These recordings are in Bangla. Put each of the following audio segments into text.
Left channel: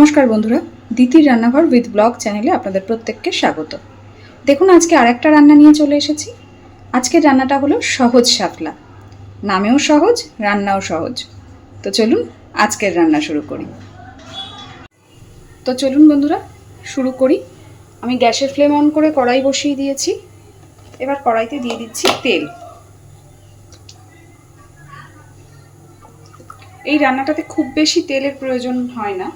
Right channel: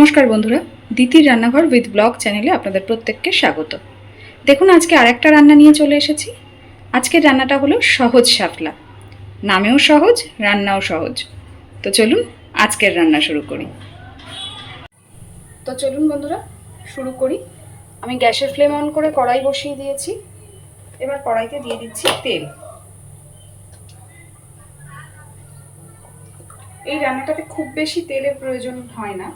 নমস্কার বন্ধুরা, দিতির রান্নাঘর উইথ ব্লগ চ্যানেলে আপনাদের প্রত্যেককে স্বাগত। দেখুন আজকে আরেকটা রান্না নিয়ে চলে এসেছি। আজকের রান্নাটা হলো সহজ শাপলা। নামেও সহজ, রান্নাও সহজ। তো চলুন আজকের রান্না শুরু করি। বন্ধুরা শুরু করি। আমি গ্যাসের ফ্লেম অন করে কড়াই বসিয়ে দিয়েছি। এবার কড়াইতে দিয়ে দিচ্ছি তেল। এই রান্নাটাতে খুব বেশি তেলের প্রয়োজন হয় না।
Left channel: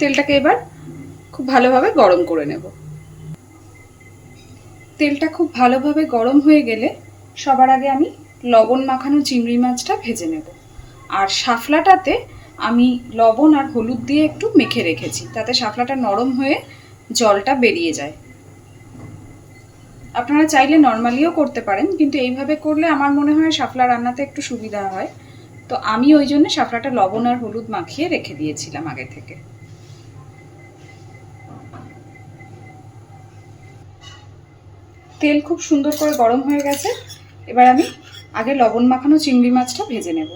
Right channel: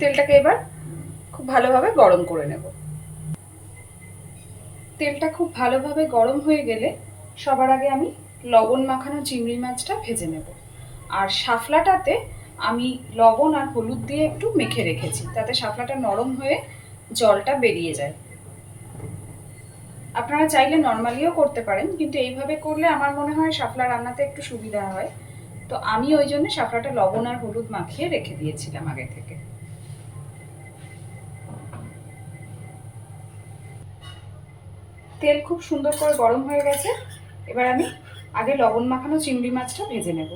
তেলটাকে এবার খুব ভালোভাবে গরম করে নেব। তেলটা খুব ভালোভাবে গরম হয়ে গেলে সবার আগে আমি লবণ মাখানো চিংড়ি মাছটা ভেজে নেব। আর শাপলাটাতে আমি লবণ আর হলুদ দিয়ে একটু মেখে রেখেছি, তাতে শাপলাটা নরম হয়ে জলটা বেরিয়ে যায়। আপনারা চাইলে নর্মালিও করতে পারেন, কিন্তু এইভাবে করলে আমার মনে হয় শাপলা রান্নাতে একটু সুবিধা হয়। তো আমি ওই জন্য শাপলাটা লবণ আর হলুদ মাখিয়ে রেখে দিয়েছিলাম আগে থেকে। তেল খুব সুন্দর করে গরম হয়ে গেছে। এবার আমি আগে লবণ মাখানো চিংড়ি মাছটা ভেজে নেব।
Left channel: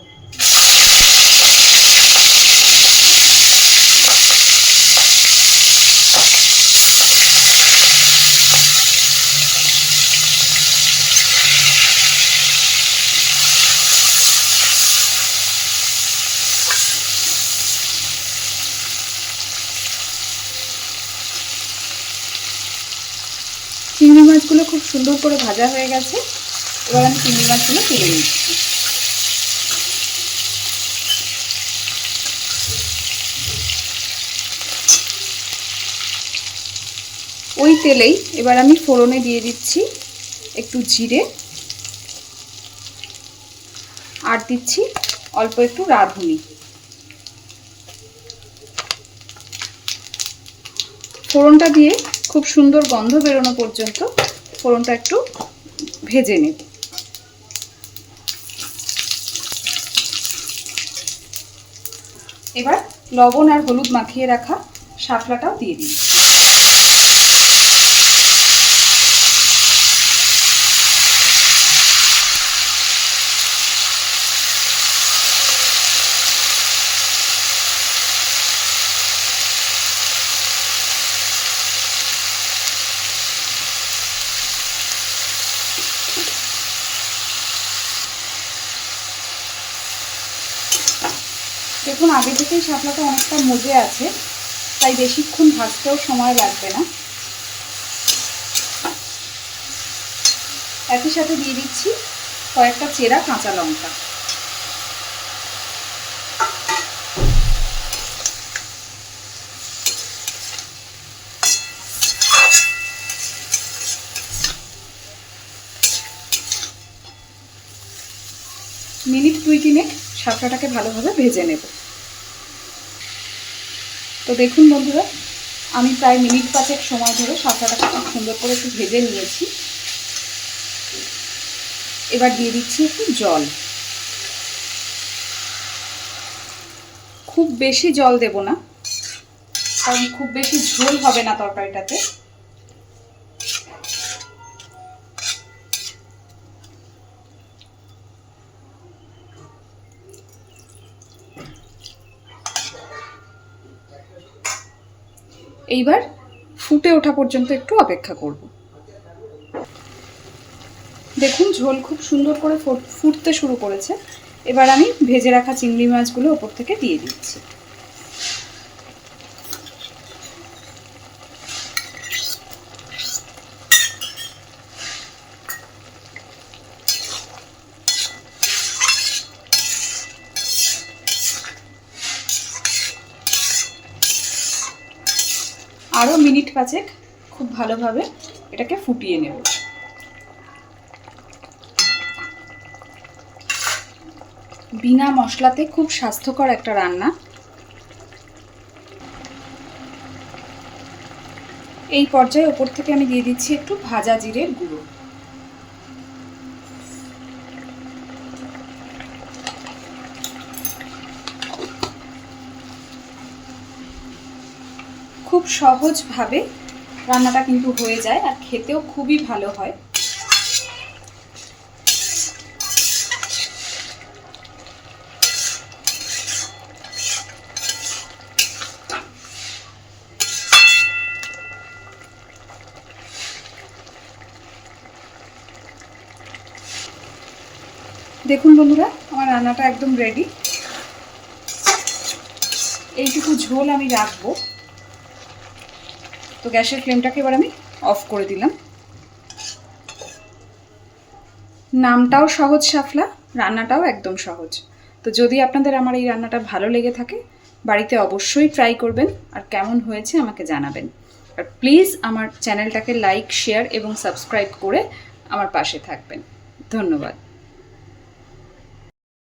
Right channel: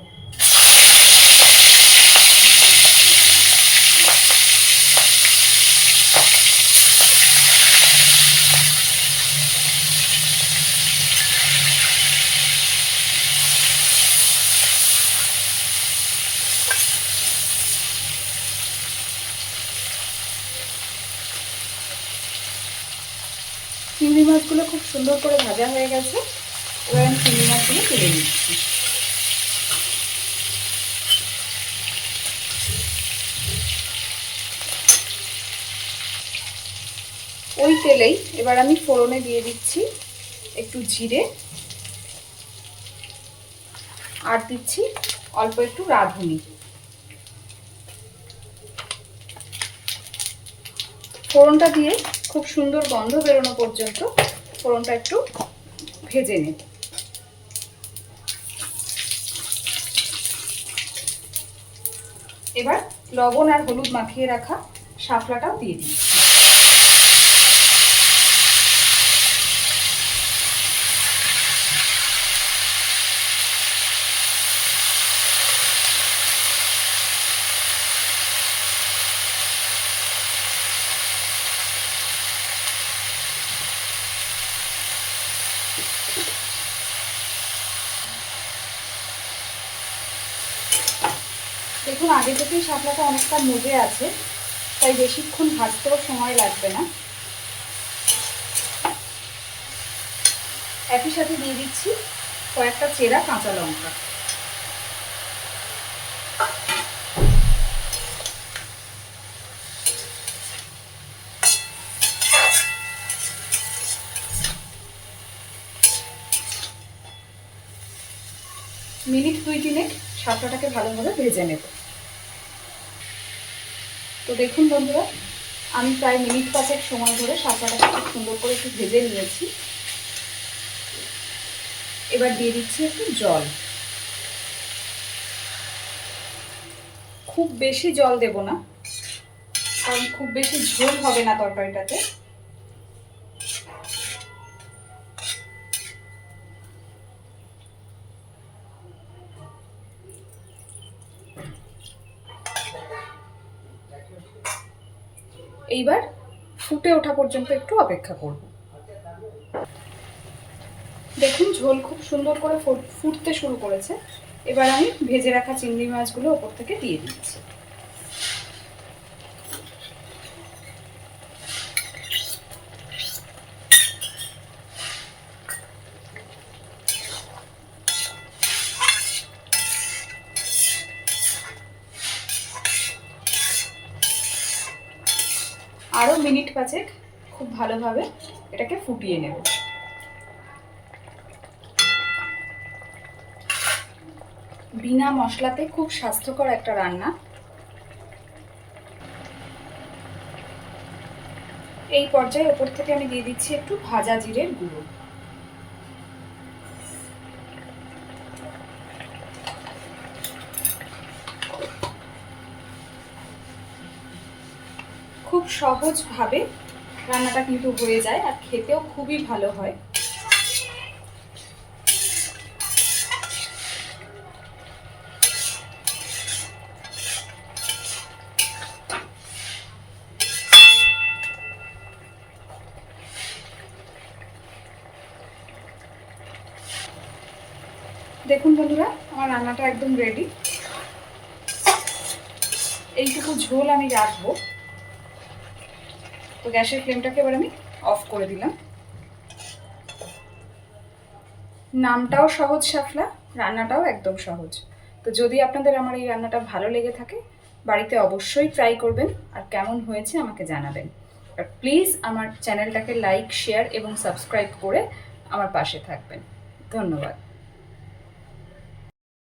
চিংড়ি মাছগুলো খুব সুন্দর করে ভাজা হয়ে গেছে। এবার আমি চিংড়ি মাছগুলো তুলে নিচ্ছি। ওই তেলেই এবার আমি ফোড়নে দিয়ে দিচ্ছি একটু জিরে, আর দিচ্ছি অল্প একটু রাঁধুনি। ফোড়নটা দিয়ে খুব সুন্দর গন্ধ বেরোনো পর্যন্ত ফোড়নটা একটু ভেজে নেব। এবার লবণ আর হলুদ মাখিয়ে রাখা শাপলাটাও দিয়ে দিচ্ছি। দেখুন আগে থেকেই শাপলাটা অনেকটা মজে আছে, তাই বেশিক্ষণ ভাজতেও সময় লাগবে না। একই সাথে দিয়ে দিচ্ছি কয়েকটা চেরা কাঁচা লঙ্কা। মিনিট 2-3 শাপলাটাকে ভালোভাবে ভেজে নেব। তো দেখুন বন্ধুরা, আমি প্রায় মিনিট 5 সময় ধরে শাপলাটাকে খুব সুন্দর করে একটু ভেজে নিয়েছি। এবার দিয়ে দিচ্ছি একটু জল। খুব বেশি জল দেব না, কারণ খুব বেশি ঝোল হবে না তরকারিটাতে। এইবার ফুটে ওঠা পর্যন্ত একটু অপেক্ষা করব। দেখুন ঝোল খুব সুন্দর করে ফুটতে শুরু করেছে। এবার আমি ভেজে রাখা চিংড়ি মাছগুলো ওপর থেকে দিয়ে দিচ্ছি। আরও মিনিট 5 খুব ভালোভাবে এটাকে ফুটিয়ে নেব। বিনা মশলাতে খুব স্বাস্থ্যকর একটা রান্না। এই পর্যায়ে ওপর থেকে আমি দিয়ে দিচ্ছি একটু ভাজা জিরের গুঁড়ো। খুব সহজভাবে রান্নাটা কিন্তু হয়ে যায়, আর খেতেও খুবই ভালো হয়। দেখুন বন্ধুরা, আমার রান্নাটা একদম রেডি। এইটুকু ঝোল আমি রাখবো। তো গ্যাসের ফ্লেমটাকে এবার আমি অফ করে দিলাম। নামটাও সহজ শাফলা, রান্নাটাও একদম সহজ। তো যদি আপনাদের আমার এই রান্নাটা ভালো লেগে থাকে, বাড়িতে অবশ্যই ট্রাই করবেন, আর কেমন হয়েছে আমাকে জানাবেন। আর প্লিজ আমার চ্যানেলটাকে লাইক, শেয়ার এবং সাবস্ক্রাইব করে আমার পাশে থাকবেন। ধন্যবাদ।